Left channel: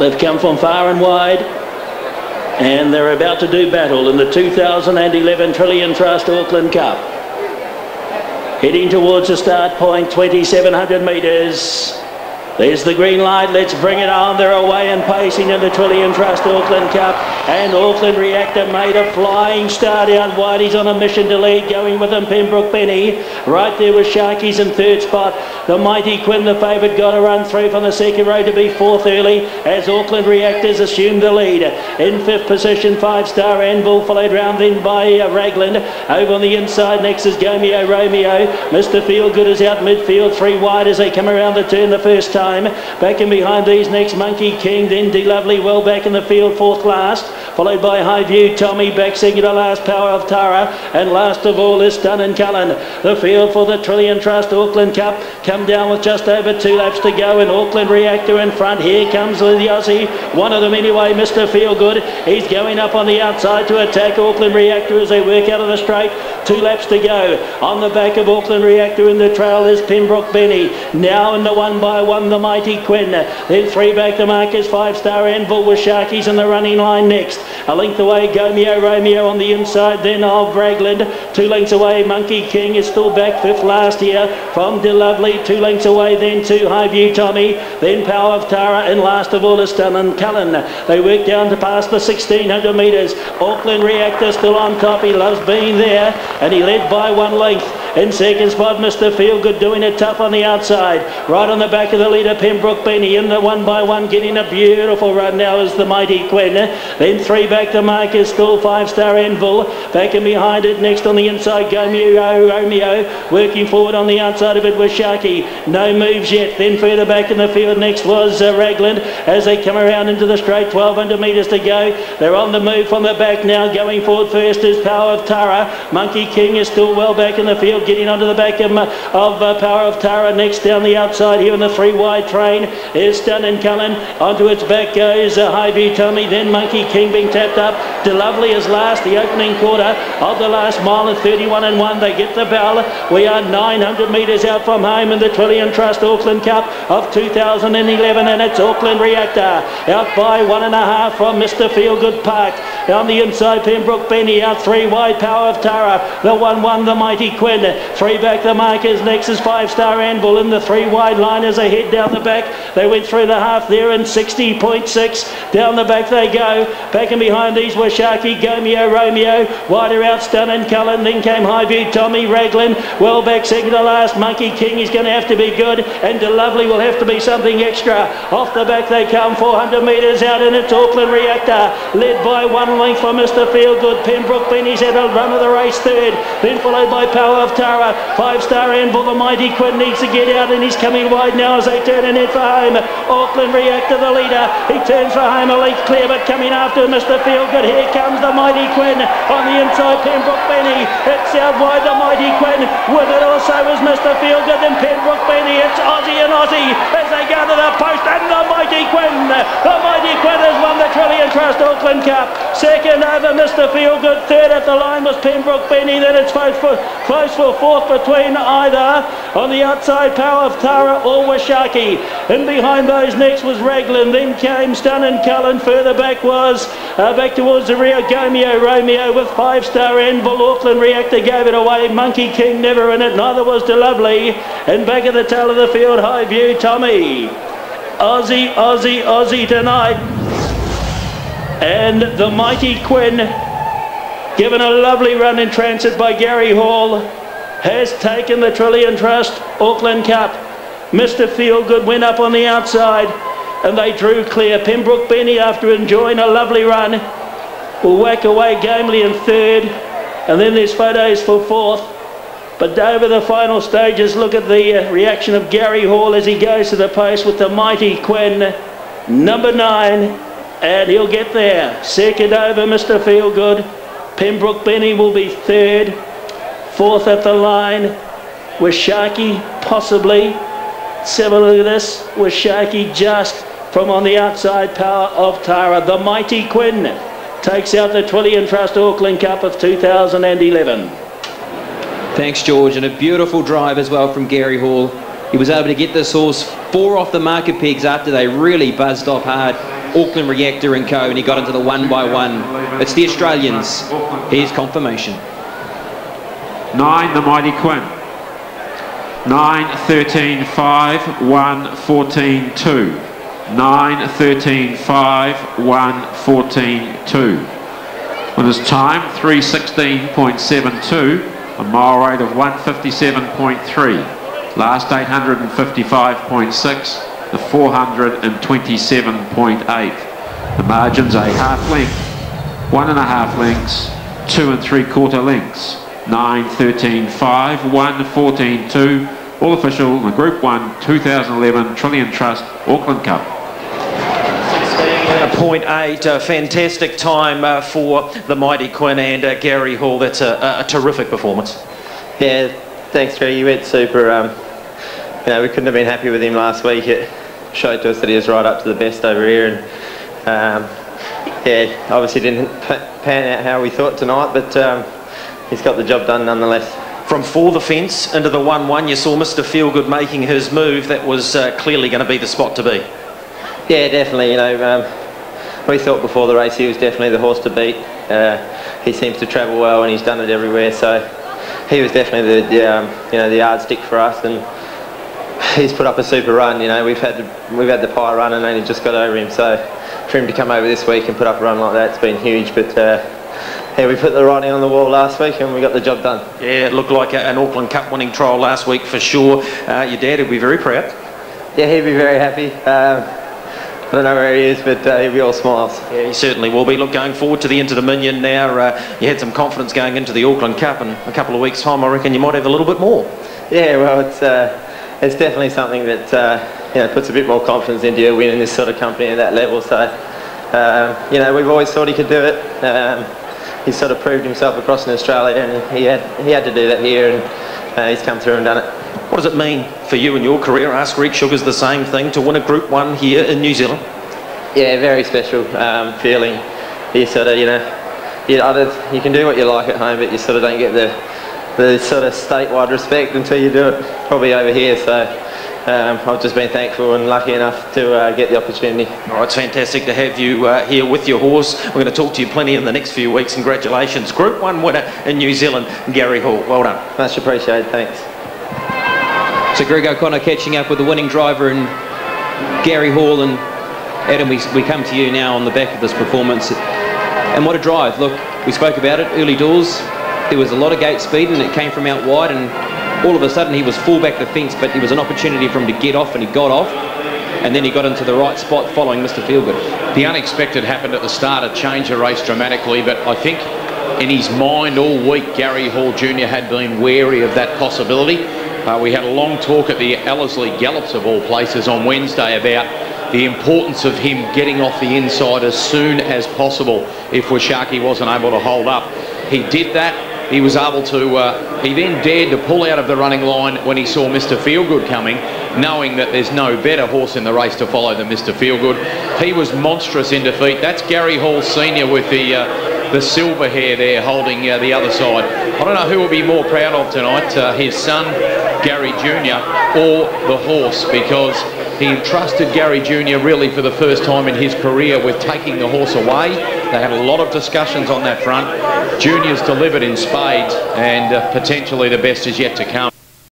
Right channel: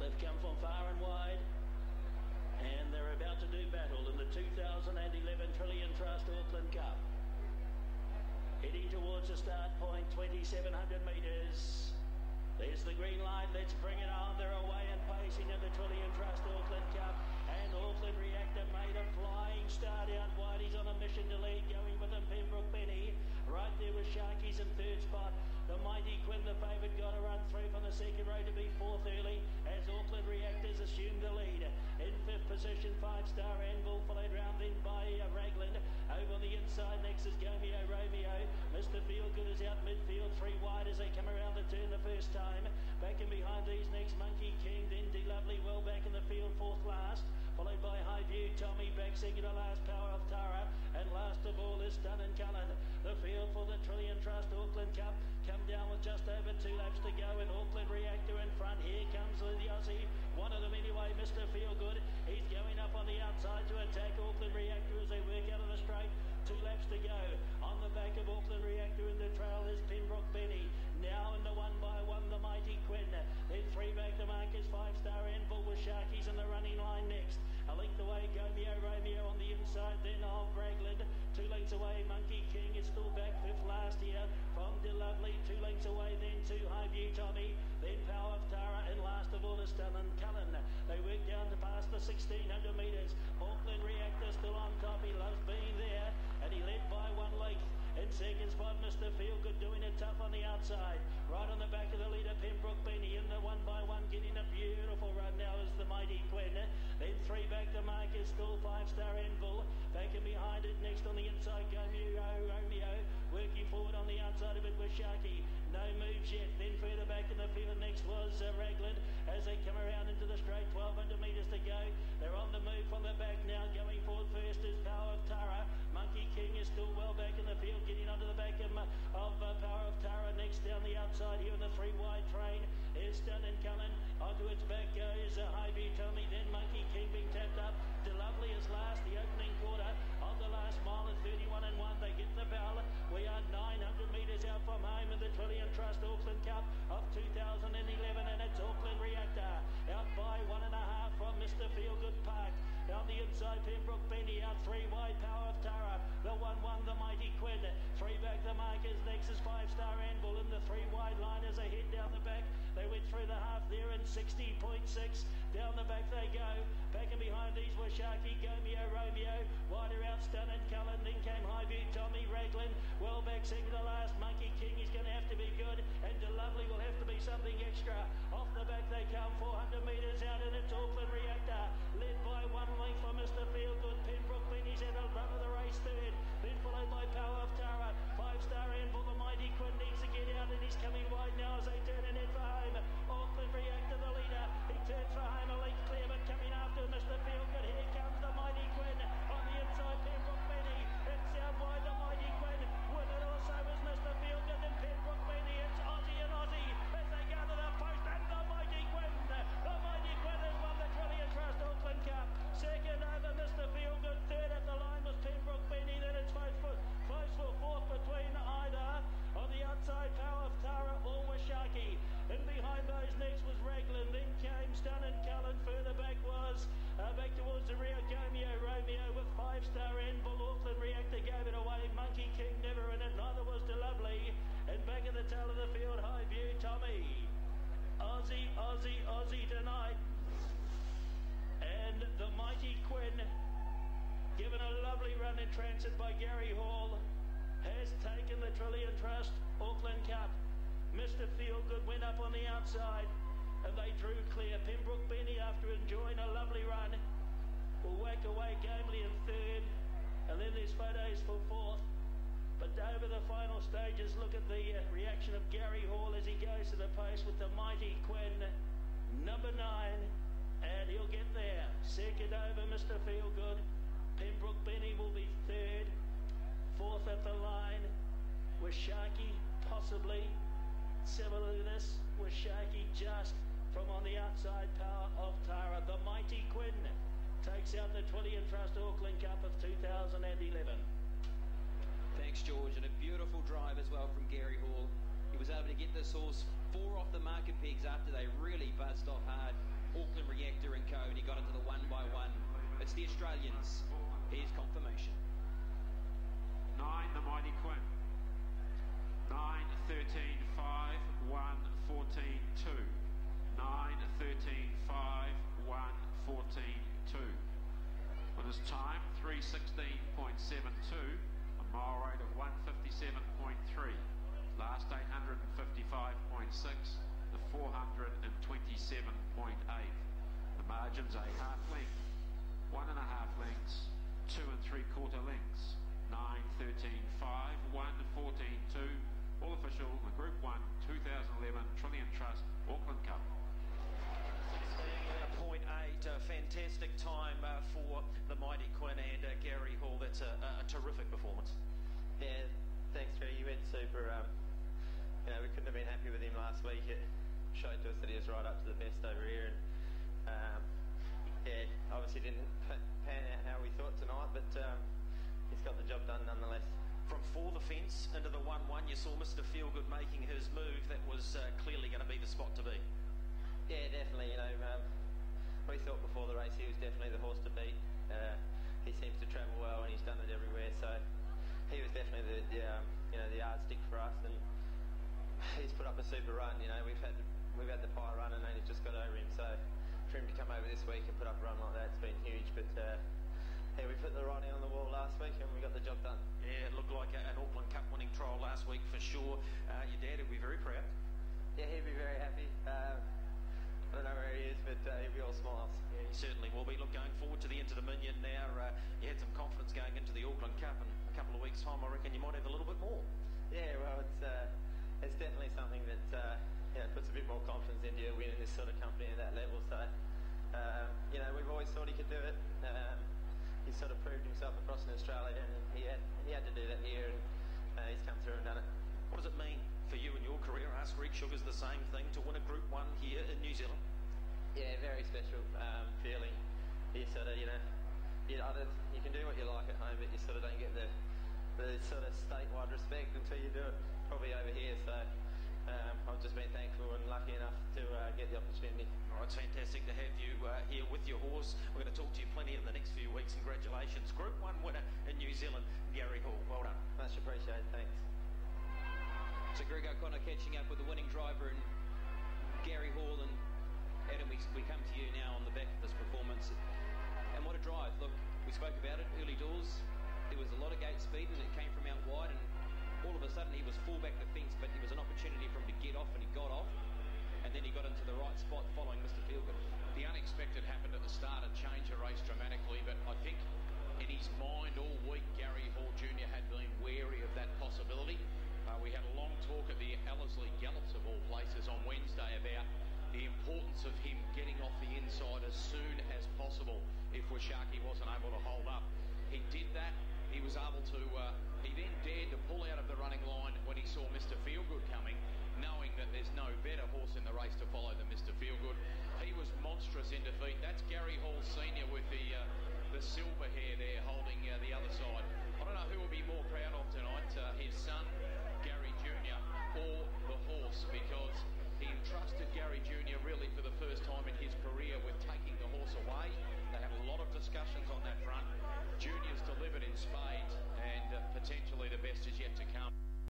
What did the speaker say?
They've come from far and wide, and they're about to do battle in the 2011 Trillian Trust Auckland Cup. Heading towards the start point, 2,700 metres. There's the green light, let's bring it on. They're away and pacing in the Trillian Trust Auckland Cup, and Auckland Reactor made a flying start out wide. He's on a mission to lead, going with him Pembrook Benny. Right there with Sharky's in third spot. The Mighty Quinn, the favourite, got a run through from the second row to be fourth early as Auckland Reactors assumed the lead. In fifth position, 5-Star Anvil, followed round then by Ragland. Over on the inside next is Gomeo Romeo. Mr. Feelgood is out midfield, 3 wide as they come around the turn the first time. Back in behind these next Monkey King, then D Lovely well back in the field, fourth last, followed by High View Tommy, back second to last Power of Tara, and last of all is Stunnin' Cullen. The field for the Trillian Trust Auckland Cup come down with just over 2 laps to go, and Auckland Reactor in front. Here comes the Aussie, one of them anyway, Mr. Feelgood. He's going up on the outside to attack Auckland Reactor as they work out of the straight. 2 laps to go. On the back of Auckland Reactor in the trail is Pembrook Benny. Now in the 1x1, the Mighty Quinn. Then 3 back to Marcus, 5-Star Anvil with Sharkies in the running line next. A length away, Gomeo Romeo on the inside, then of Ragland. 2 lengths away, Monkey King is still back, fifth last here from De Lovely. 2 lengths away, then to High View Tommy, then Power of Tara, and last of all is Stunnin' Cullen. They work down to past the 1,600 metres. Auckland Reactor still on top. He loves being there, and he led by 1 length. In second spot, Mr. Feelgood doing it tough on the outside. Right on the back of the leader, Pembrook Benny in the 1x1, getting a beautiful run now is the Mighty Quinn. Then 3 back to Marcus, still 5-Star Anvil. Back and behind it, next on the inside, Gomeo Romeo. Working forward on the outside of it with Sharky. No moves yet. Then further back in the field, next was Ragland. As they come around into the straight, 1,200 metres to go. They're on the move from the back now. Going forward first is Power of Tara. Monkey King is still well back in the field, getting onto the back of Power of Tara. Next down the outside here in the 3 wide train is Stunnin' Cullen. Onto its back goes High View Tommy, then Monkey King being tapped up. De Lovely is last, the opening quarter of the last mile at 31 and 1. They get the bell. We are 900 metres out from home in the Trillian Trust Auckland Cup of 2011, and it's Auckland Reactor out by 1.5 from Mr. Feelgood Park. On the inside, Pembrook Benny out 3 wide, Power of Tara. The 1-1, the Mighty Quinn. 3 back the markers, next is 5-Star Anvil in the 3 wide line as they head down the back. They went through the half there in 60.6. Down the back they go. Back and behind these were Sharky, Gomeo Romeo. Wider out, Stunnin' Cullen. Then came High View Tommy, Raglan. Well back second to last, Monkey King is going to have to be good, and De Lovely will have to be something extra. Off the back they come, 400 metres out, and it's Auckland Reactor, led by 1 length for Mr. Feelgood. Pembrook Benny's had a run of the race third, then followed by Power of Tara. 5-Star Anvil, the Mighty Quinn needs to get out, and he's coming wide now as they turn and head for home. Auckland Reactor, the leader. He turns for home, a length clear, but coming after Mr. Feelgood. Here comes the Mighty Quinn on the inside, Pembrook Benny. It's out wide, the Mighty Quinn. With it also is Mr. Feelgood and Pembrook Benny. It's Aussie and Aussie as they go to the post, and the Mighty Quinn. The Mighty Quinn has won the Trillian Trust Auckland Cup. Second over Mr. Feelgood. Third at the line was Pembrook Benny. Then it's close for fourth between either on the outside Power of Tara or Washaki. And behind those next was Raglan. Then came Stunnin' Cullen. Further back was back towards the rear, Gomeo Romeo with 5-Star Anvil. Auckland Reactor gave it away. Monkey King never in it. Neither was De Lovely. And back at the tail of the field, High View Tommy. Aussie, Aussie, Aussie tonight. And the Mighty Quinn, given a lovely run in transit by Gary Hall, has taken the Trillian Trust Auckland Cup. Mr. Feelgood went up on the outside and they drew clear. Pembrook Benny, after enjoying a lovely run, will whack away gamely in third, and then there's photos for fourth. But over the final stages, look at the reaction of Gary Hall as he goes to the post with the Mighty Quinn, number 9, and he'll get there. Second over Mr. Feelgood. Pembrook Benny will be third. Fourth at the line with Sharky, possibly. Let's have a look at this with Sharky just from on the outside, Power of Tara. The Mighty Quinn takes out the Trillian Trust Auckland Cup of 2011. Thanks, George, and a beautiful drive as well from Gary Hall. He was able to get this horse 4 off the marker pegs after they really buzzed off hard. Auckland Reactor and Co, and he got into the 1 by 1. It's the Australians. Here's confirmation. 9, Themightyquinn. 9, 13, 5, 1, 14, 2. 9, 13, 5, 1, 14, 2. Winner's time 3:16.72, a mile rate of 1:57.3. Last 855.6, the 427.8. The margins a half length, 1.5 lengths, 2 3/4 lengths. 9, 13, 5, 1, 14, 2. All official in the Group 1 2011 Trillian Trust Auckland Cup. 0.8, a fantastic time for Themightyquinn and Gary Hall. That's a terrific performance. Yeah, thanks, Greg. You went super. You know, we couldn't have been happy with him last week. It showed to us that he was right up to the best over here, and yeah, obviously didn't pan out how we thought tonight, but he's got the job done nonetheless. From for the fence into the 1-1, you saw Mr. Feelgood making his move. That was clearly going to be the spot to be. Yeah, definitely. You know, we thought before the race he was definitely the horse to beat. He seems to travel well, and he's done it everywhere. So he was definitely the you know, the yardstick for us, and he's put up a super run. You know, we've had the pie run and only just got over him. So for him to come over this week and put up a run like that, it's been huge. But yeah, we put the writing on the wall last week and we got the job done. Yeah, it looked like an Auckland Cup winning trial last week for sure. Your dad would be very proud. Yeah, he'd be very happy. I don't know where he is, but he'll be all smiles. Yeah, he certainly will be. Look, going forward to the Interdominion now, you had some confidence going into the Auckland Cup, and a couple of weeks' time, I reckon you might have a little bit more. Yeah, well, it's definitely something that you know, puts a bit more confidence into you winning this sort of company at that level. So you know, we've always thought he could do it. He's sort of proved himself across in Australia, and he had to do that here, and he's come through and done it. What does it mean for you in your career? Ask Greek Sugar's the same thing, to win a Group 1 here in New Zealand. Yeah, very special feeling. You sort of, you know, you can do what you like at home, but you sort of don't get the sort of statewide respect until you do it probably over here. So I've just been thankful and lucky enough to get the opportunity. All right, it's fantastic to have you here with your horse. We're going to talk to you plenty in the next few weeks. Congratulations. Group 1 winner in New Zealand, Gary Hall. Well done. Much appreciated, thanks. So Greg O'Connor catching up with the winning driver and Gary Hall. And Adam, we come to you now on the back of this performance. And what a drive. Look, we spoke about it early doors. There was a lot of gate speed and it came from out wide, and all of a sudden he was full back the fence, but there was an opportunity for him to get off, and he got off, and then he got into the right spot following Mr. Feelgood. The unexpected happened at the start. It changed the race dramatically, but I think in his mind all week Gary Hall Jr. had been wary of that possibility. We had a long talk at the Ellerslie Gallops of all places on Wednesday about the importance of him getting off the inside as soon as possible if Washaki wasn't able to hold up. He did that. He was able to, he then dared to pull out of the running line when he saw Mr. Feelgood coming, knowing that there's no better horse in the race to follow than Mr. Feelgood. He was monstrous in defeat. That's Gary Hall Sr. with the silver hair there holding the other side. I don't know who will be more proud of tonight, his son, Gary Jr., or the horse, because he entrusted Gary Jr. really for the first time in his career with taking the horse away. They had a lot of discussions on that front. Junior's delivered in spades, and potentially the best is yet to come.